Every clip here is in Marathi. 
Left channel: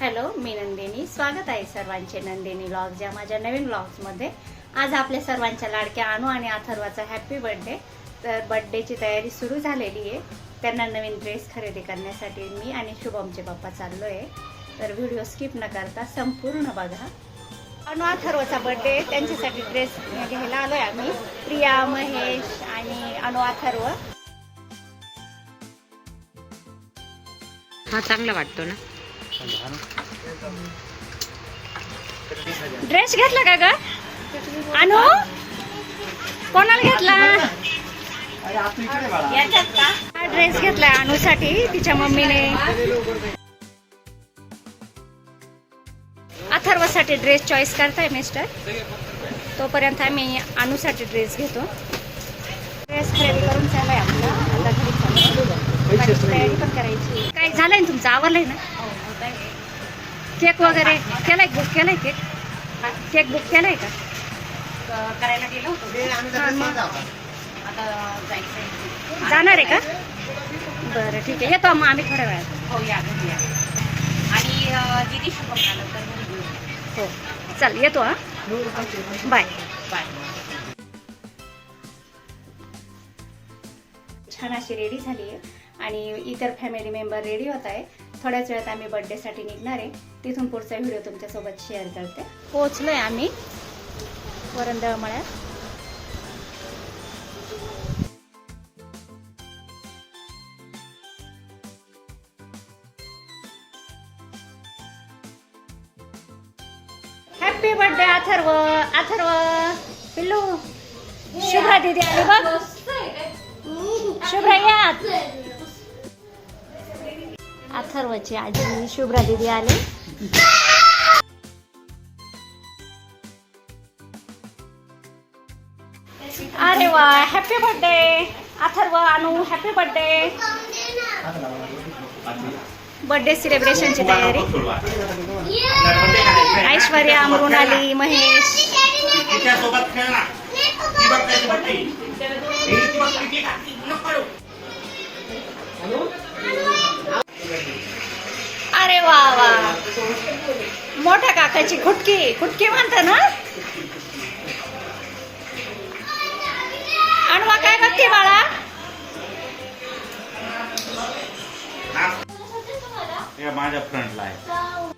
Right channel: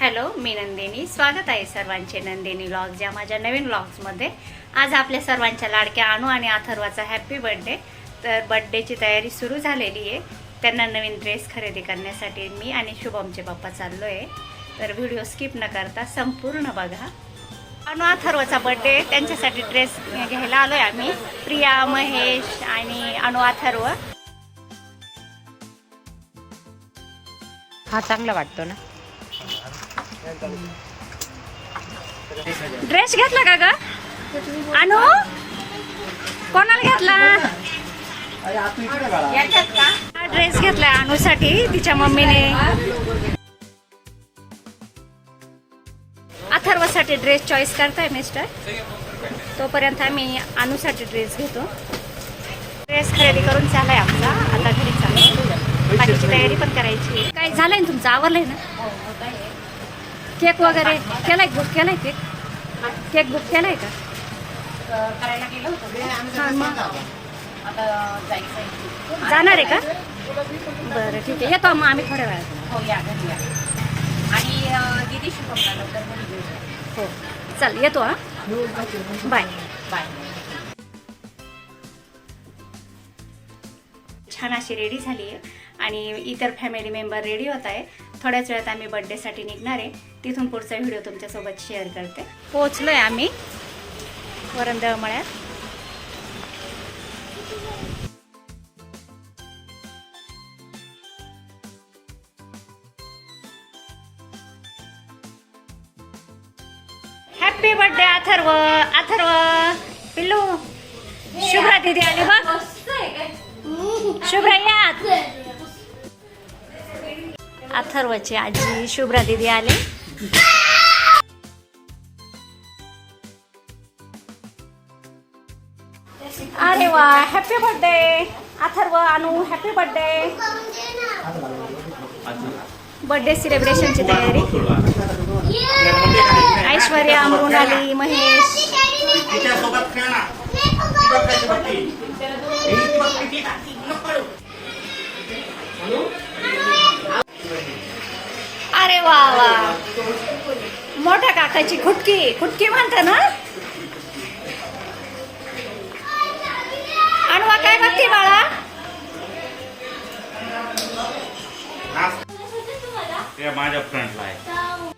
हॅलो मी नंदिनी. स्वागत आहे सर्वांचे नंदिनी व्लॉग्स या माझ्या नवीन व्लॉग्समध्ये आज आपल्या सर्वांच्या लाडक्या अणू आणि अथर्वाचा हॅप्पी बर्थडे तर बर्थडेची तयारी सुरू झालेली आहे. त्यांना नवीन ड्रेस खरेदी करण्यासाठी मी आणि शुभमचे पप्पा चाललो आहे तर व्हिडिओ स्किप न करता संपूर्ण बघा. अणू अथर्वचा बर्थडे त्यांच्यासाठी ड्रेस घ्यायला आलो आहे आम्ही. प्रिया महेश आणि अणू अथर्व हा चांगला वाटतो ना. ड्रेस घेतला का ग? अनु? कोणाला घेतला? अरे आता इकडे बाळा याच्यात का हा ड्रेस घेतलाय अनुसाठी तिच्या मम्मीने. अनुसाठी ड्रेस चॉईस करताय मिस्टर तोपर्यंत आम्ही अनुसाठी ड्रेस घेतो. ड्रेस खरेदी करून चालाय आमचा. आता घरी चालू बाकीची तयारी पण करायची काय झालंय ना तुमचं? आवरलंय ना? केक वगैरे केलाय बुक केलाय केक केक बुक केलाय का? जाणार आहे का? बरं ठीक आहे. येतो मग आम्ही थोड्या वेळात. या आणि हो. चल येतो हा. बाय. बाय छान अशी रेडी झाली आहे. आणि इतर फॅमिली मेंबर रेडी होत आहे. थोड्याच वेळात आम्ही बर्थडेसाठी निघणार आहे. तिथून पुढचा व्हिडिओ तुमच्यासोबत शेअर करते. पोहोचलोय आम्ही. वरंदळ मळ्यात. हॅपी बर्थडे अथर्व अथर्व पिल्लू शुभ्रा दिदी आली बघ शुभ्रा यात अथर्वची आजी शुभ्रा दिदी आले अरे वा हॅपी बर्थडे अथर्व अनु हॅपी बर्थडे बर्थडे सेलिब्रेशनची तयारी. ऐश्वर्या मृणाली महेश. अरे वा वा. मोठ्या काकाची खुटकी. खुटकी म्हणता ना? अणवा काय बघते बाळा? माझ्या फ्रंटला आहे.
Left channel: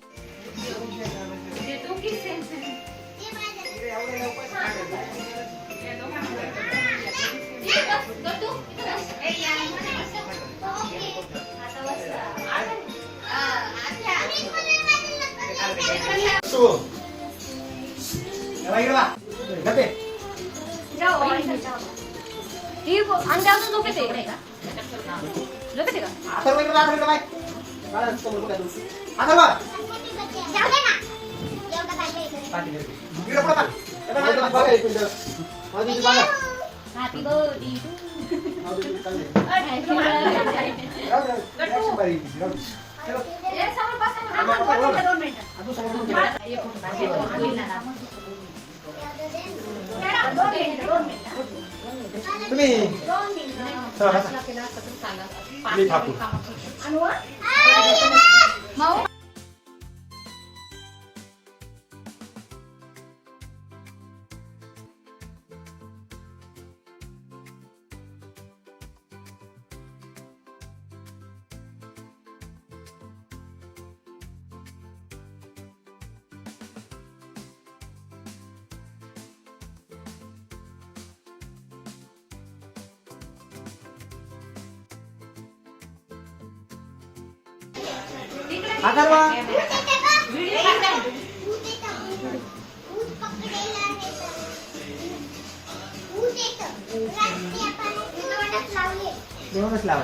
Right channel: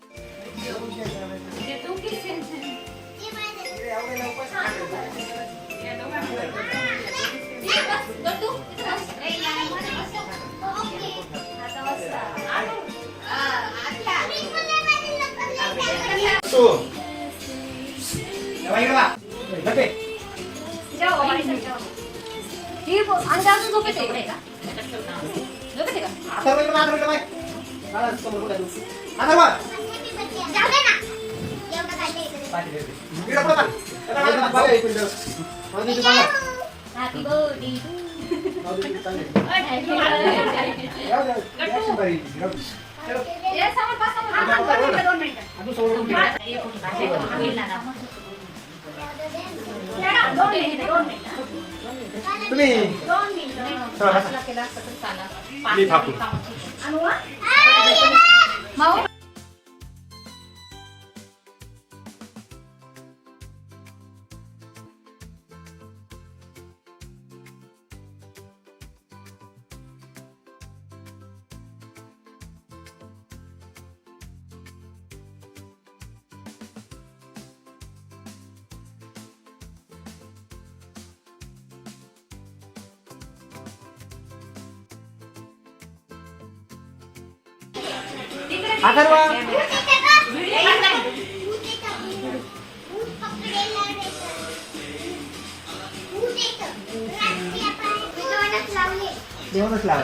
तू. हे बघ इकडे बघ. डबे. आता तुम्ही चला, बसा. मी थांबतो. देऊनच लाव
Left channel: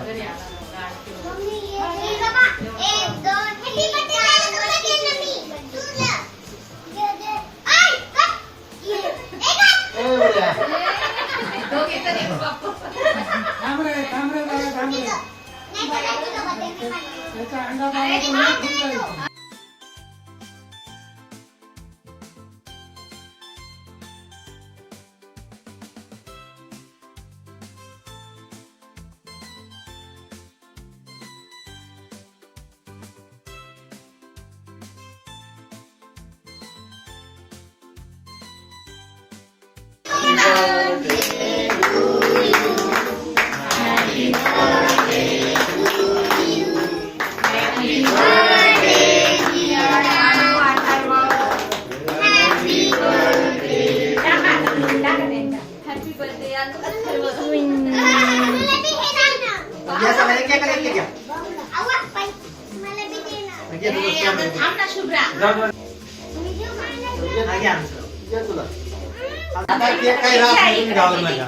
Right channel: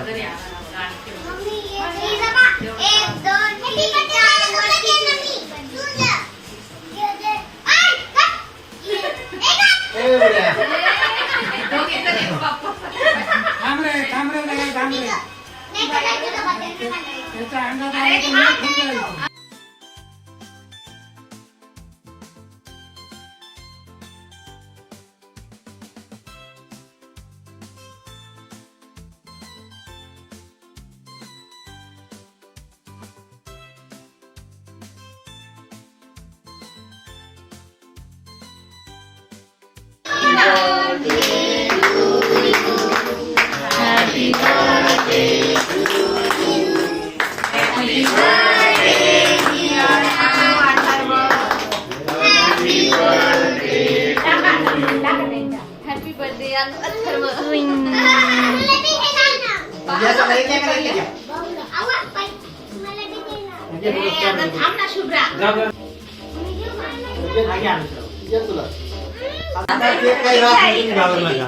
आता ते काही राहत नाही, तुम्ही नका.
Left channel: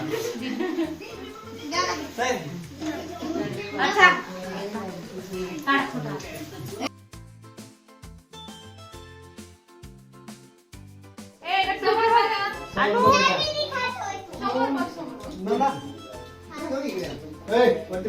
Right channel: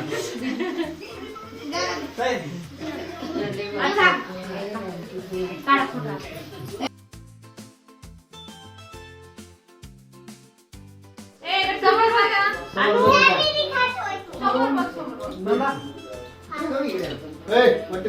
ए, वरती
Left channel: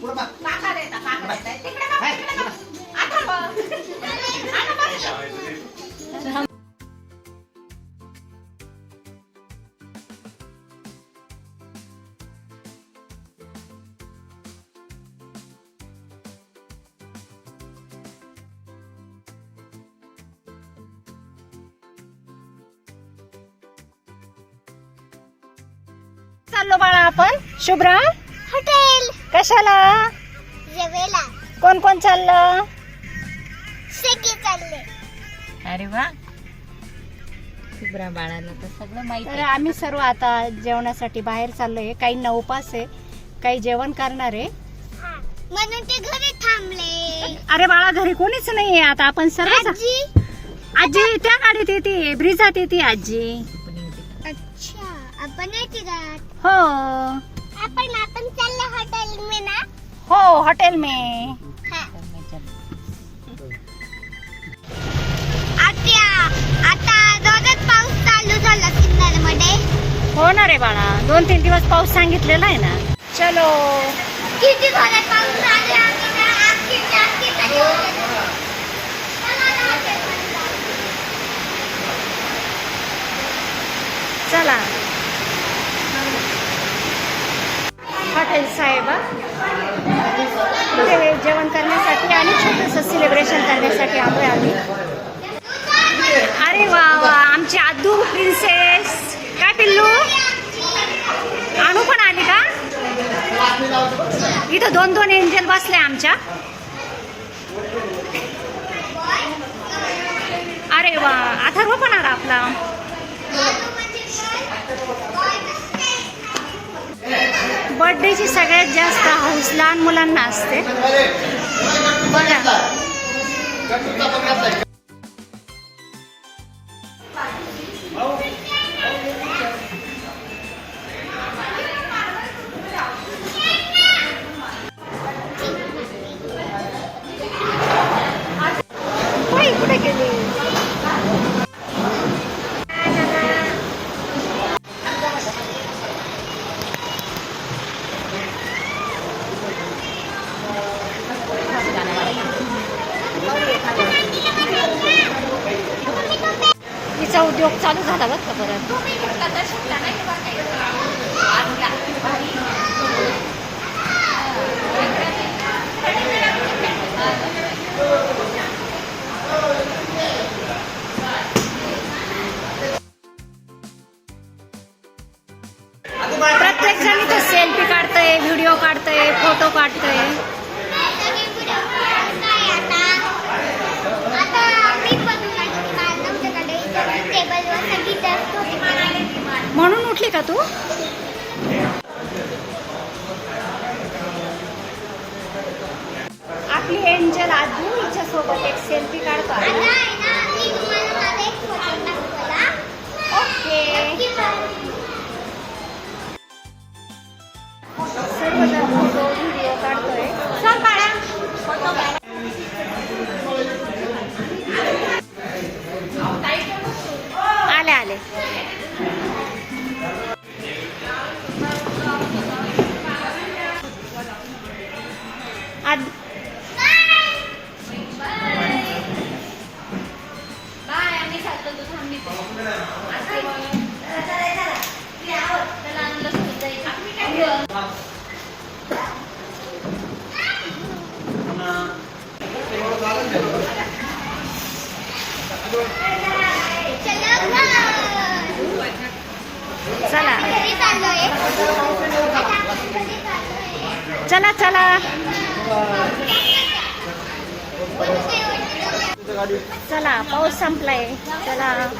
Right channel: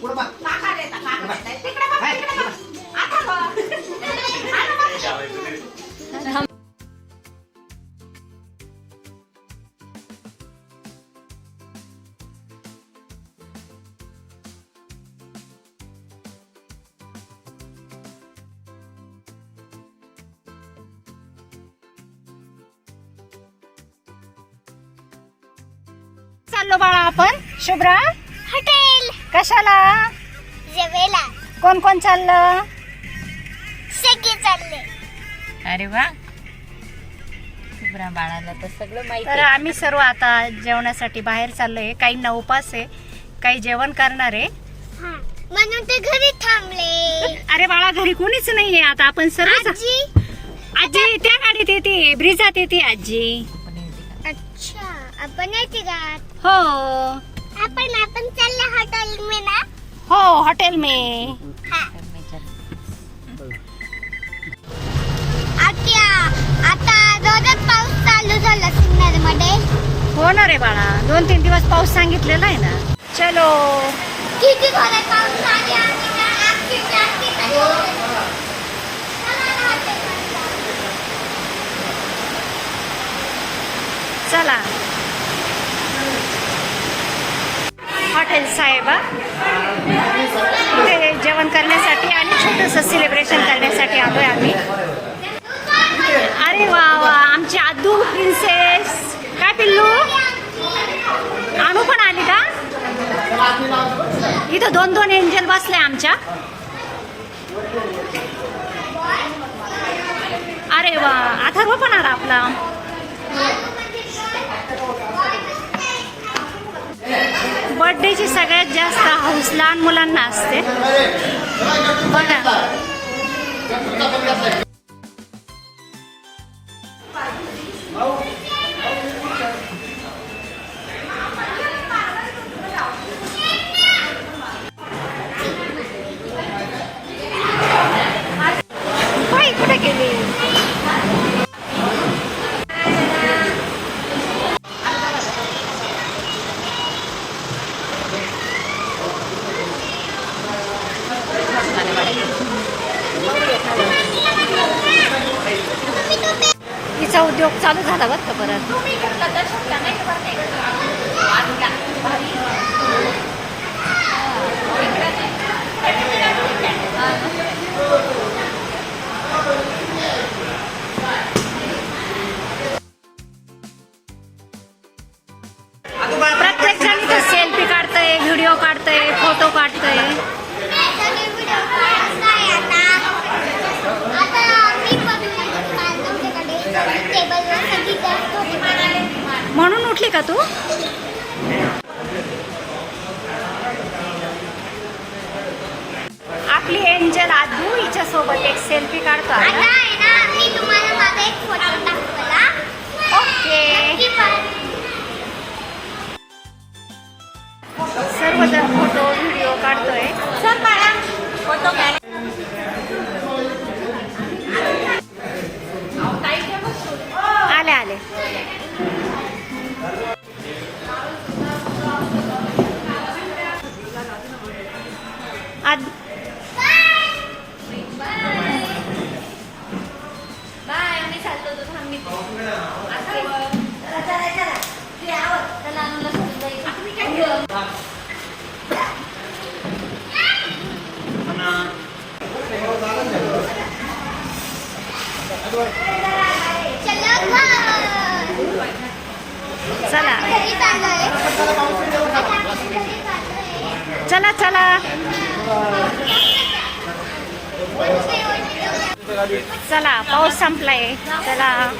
पुढं चाललो बाळा आपण. शुभ्रा. हॉटेल. कशाला? जेवेला कोण कोण चाललं? सगळे चालले. अरे वा. शुभ्रा बाळाला तर सगळं माहिती तर आम्ही सर्व आता जेवणासाठी बाहेर चाललोय. काहींना उपास आहे काही जेवण करणार आहे. हा. म्हणून ते घरी थांबले. अरे बाळा घरी कोणीच नाहीये. आता आपण सर्व आजी. आजी त्या गाडीत येते. ब्रिजात येते आजी. अच्छा. आपण येते का? हो. आपण आपण चालले हॉटेल में ना? हो हॉटेल में. हा. आत्या आता रोजच पाऊस चालू झाला सिन्नरमध्ये हो ना रे बाळा दोन तीन दिवस पाऊस सांगितलेला आहे ना. चलो. किती जोरात पाऊस? आले आणि ना आजची जास्ती तरी होते. चला ना हॉटेलमध्ये जाऊ. चला. हॉटेल साहेबा. इथे जेवण करण्यासाठी आणि छोटंसं सेलिब्रेशन करण्यासाठी आलो आहे आम्ही. अरे वा वा आमची आदू प्रिन्सेस काय पिल्लू? आणू पण आली का? इथं दोन दोन एंजल बसले आमच्या. अरे वा अथर्व पण आला आपला. बर्थडेची सगळ्यात जास्त हौस लहान मुलांना असते. बघा. तिचा उद्योग चालू झाला बरं का परत. प्रत्येक जण इथं सेल्फी काढतंय व्हिडिओ काढतंय फोटो काढतंय. उठली का तू? आपली एंजल आजू हिच्या सोबत एक सेल्फी काढतो ओके. सर्वजण फोटो व्हिडिओ काढतोय. बाळा. आले आले. चला. चला चला. चला पाऊस संपलाय. चला.